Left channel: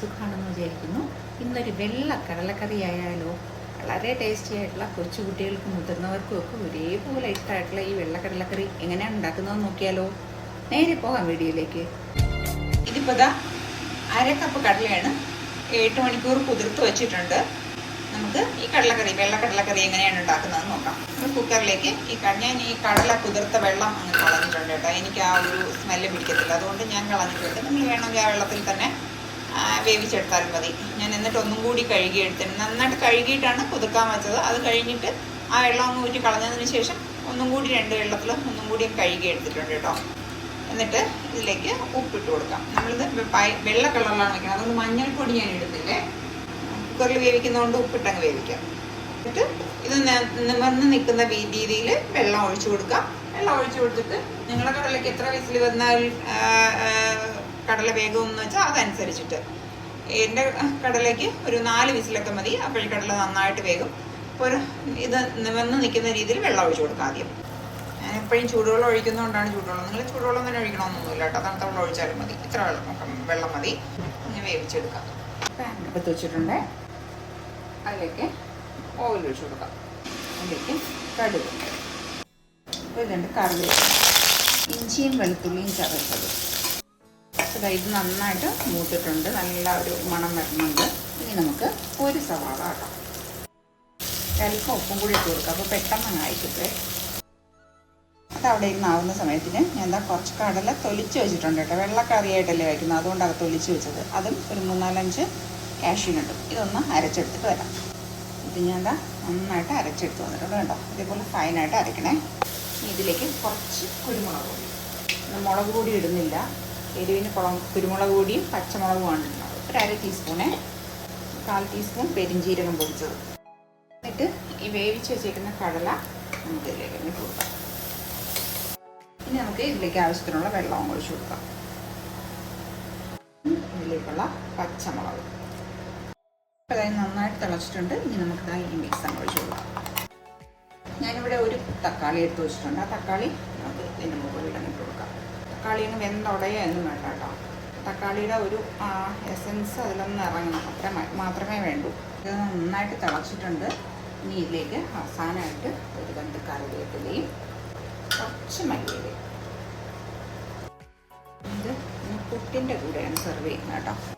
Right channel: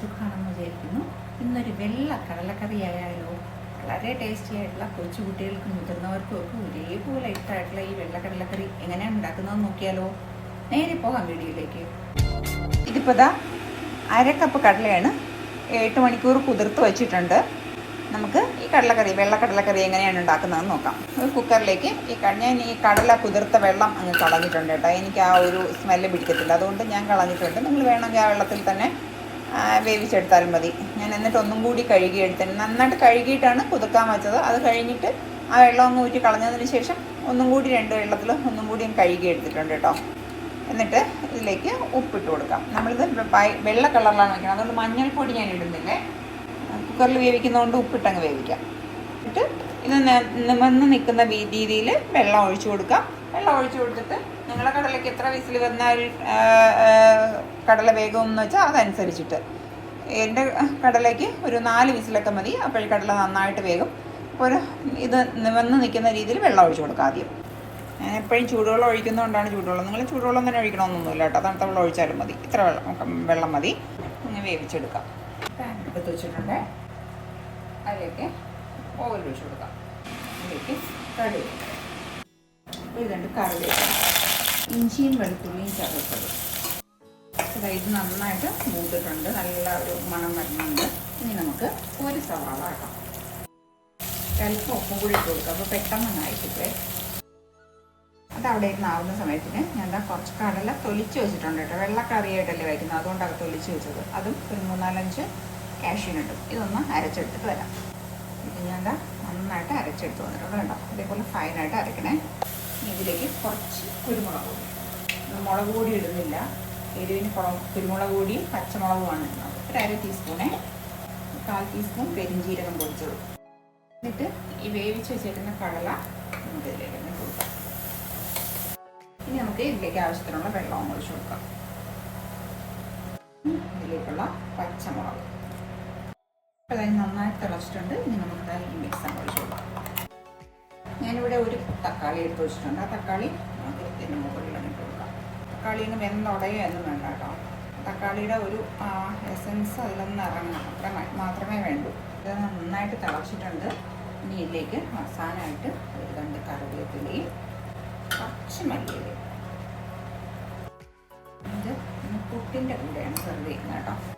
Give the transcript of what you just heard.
സുഖമാണെന്ന് വിചാരിക്കുന്നു. ഇന്നൊരു വെള്ള കടലക്കറി ആയാലോ. വളരെ ടേസ്റ്റി ആയിട്ടുള്ള കൊച്ചു കുട്ടികൾക്കും മുതിർന്നവർക്കും ഒക്കെ ഒരേപോലെ ഇഷ്ടമായിട്ടുള്ള ഈ വെള്ള കടലക്കറി എങ്ങനെയാണ് ഉണ്ടാക്കുന്നതെന്ന് നോക്കിയാലോ. നേരെ പോകാം വീഡിയോയിലേക്ക്. ഇതിപ്പോൾ ദാ 1/2 കപ്പ് കടലയാണ് 8 മണിക്കൂർ കുതിർത്ത് വെച്ചിട്ടുണ്ട്. നമുക്ക് ഈ കടലക്കറി വെള്ള കടലക്കറി എങ്ങനെയാണ് ഉണ്ടാക്കുന്നതെന്ന് നോക്കാം. ഒരു കുക്കറിലേക്ക് ഞാൻ ഈ കടല കുതിർത്ത വെള്ളം കളഞ്ഞിട്ടുണ്ട് കേട്ടോ. എനിക്ക് ആ ഒരു സ്മെല്ല് പിടിക്കത്തില്ല, അതുകൊണ്ട് ഞാൻ കളഞ്ഞിട്ടുണ്ട്. നിങ്ങൾ വേണമെങ്കിൽ ആ വെള്ളത്തിൽ തന്നെ വേവിച്ചെടുത്താലും മതി. ഞാൻ എന്നിട്ട് ഒന്നും കൂടി കഴുകിയെടുത്തിട്ട് നന്നായിട്ട് കഴുകിയിട്ടാണ് കുതിർക്കാൻ വെച്ചത്. അത് കഴിഞ്ഞിട്ട് ആ വെള്ളം ഒന്ന് ഊറ്റി കളഞ്ഞതിന് ശേഷം ഒന്നും കൂടി 2 വെള്ളത്തിൽ ഒന്നും കൂടി കഴുകിയെടുത്തിട്ടുണ്ട് കേട്ടോ. എന്നിട്ട് ഇതിലേക്ക് ഉപ്പിട്ട് കൊടുക്കാം. നമ്മളിത് വെള്ള കളറിലാണ് വയ്ക്കുന്നത്, അതുകൊണ്ട് മഞ്ഞൾപ്പൊടി ഞാൻ ഇടുന്നില്ലേ. കുക്കറിൽ വേവിക്കുന്നതുകൊണ്ട് ഉപ്പിട്ടങ്ങ് വേവിക്കാം. എന്നിട്ട് ഇത് നിവർന്ന് നിൽക്കുന്ന രീതിയിൽ വെള്ളം ഒഴിച്ചു കൊടുക്കാം. വെള്ളം ഒഴിച്ചു കൊടുത്തിട്ട് നിങ്ങളുടെ കടലയ്ക്ക് എത്ര വിസിൽ വന്നാൽ കടല വേഗമെന്ന് വെച്ചാൽ അതനുസരിച്ചിട്ട്. എൻ്റെ കടലയ്ക്ക് ഒരു 4 വിസിലൊക്കെ മതി. അപ്പോൾ ഈ കടല നന്നായിട്ട് വേഗം. ഒരു ഇത് നിവർന്ന് നിൽക്കുന്ന രീതിയിൽ വെള്ളം ഒഴിച്ചു കൊടുക്കാം ആദ്യം. എപ്പോഴും ചൂടുവെള്ളം ഒഴിക്കുന്നതുകൊണ്ടാണ് ചൂടുവെള്ളം. നിങ്ങൾ ചൂടുവെള്ളം തന്നെ ഒഴിക്കണമെന്നൊന്നുമില്ല കേട്ടോ. തണുത്ത വെള്ളം ഒഴിച്ചാലും മതി. ഇത്ര വെള്ളം മതി. ഇങ്ങനെ വേവിച്ചെടുക്കാം. പാൻ എടുത്ത് വെച്ചിട്ടുണ്ട്. അതിലേക്ക് ഓയിൽ ഒഴിച്ചു കൊടുക്കാം. അതിലേക്ക് കടുക്, ഇതുണ്ട് കറിവേപ്പില, ഇഞ്ചിയും വെളുത്തുള്ളിയും ചതച്ചത്. ഇത് നന്നായിട്ട് മൂത്തിട്ടുണ്ട്, നല്ല ഒരു മണം വരുന്നുണ്ട്. ഇനി നമുക്ക് ഒരു സവാള ആക്കാം. ചിലപ്പോൾ ഉപ്പും കൂടി ഇട്ട് കൊടുക്കാം, അപ്പോൾ പെട്ടെന്ന് നന്നായിട്ടിട്ട്. അതവിടെ ഇരുന്ന് ആവുന്ന സമയത്തിന് ഞാൻ കുറച്ച് കടല തൊലിച്ച് വെച്ചിട്ടുണ്ട് കേട്ടോ. വെള്ളക്കറിയായിട്ടല്ലേ വയ്ക്കുന്നത്, അതുകൊണ്ടാണ് തൊലിച്ച് വെച്ചത്. അതും ഒരു 3-4-5 കാഷ്യൂനുണ്ട്. ഇതൊന്ന് അരച്ചെടുത്തിട്ട് വരാം. ഇത് ഞാൻ നന്നായിട്ട് അരച്ചെടുത്ത് വന്നിട്ടുണ്ട് കേട്ടോ. ഇതേപോലെ ഫൈനായിട്ട് അരക്കണേ. ഇതിലേക്ക് കുറച്ച് കുരുമുളക് പൊടി. മുളക് പൊടി ഇടുന്നില്ല, എരിവിന് കുരുമുളക് പൊടിയും പച്ചമുളകുമാണ് ഇടുന്നത്. ഒരു 1/2 ടീസ്പൂണേ, 1/4 ടീസ്പൂൺ പെരിഞ്ചീരകം പൊടിച്ചത്. എന്നിട്ട് ഈ വേവിച്ച് വെച്ചേക്കുന്ന കടല നമുക്ക് ഇതിലേക്ക് ഇട്ട് കൊടുക്കാം. ഇനി നമുക്ക് ഇതിലേക്ക് ആവശ്യത്തിനുള്ള വെള്ളം ഒഴിച്ചു കൊടുക്കാം. ഇതിലേക്കുള്ള പച്ചമുളക് അതായത് നന്നായിട്ട് തിളച്ചിട്ടുണ്ട്. ഇനി നമുക്ക് ഈ മിക്സ് ഒഴിച്ചു കൊടുക്കാം. ഞാനിവിടെ ഒരു തക്കാളി എടുത്ത് വെച്ചിട്ടുണ്ട്. ആ തക്കാളി നമുക്ക് ഇതിൻ്റെ മുകളിൽ ഇട്ട് കൊടുക്കാം. തക്കാളിന് വെന്തുടയൊന്നും വേണ്ട കേട്ടോ. തക്കാളിയുടെ ഒരു എസൻസ് അതിലൊന്നും ഇറങ്ങണം, അത്ര മാത്രമേ വേണ്ടൂ. ഇത് നന്നായിട്ട് തിളച്ചിട്ടുണ്ട്. ഇനി ഇതിലേക്ക് അവസാനമായിട്ട് ഒരു 2 കറിവേപ്പിലയും കുറച്ച് മല്ലിയിലയും. ഇത് പുട്ടിൻ്റെ കൂടെയാണ് സെർവ് ചെയ്യുന്നത് കേട്ടോ.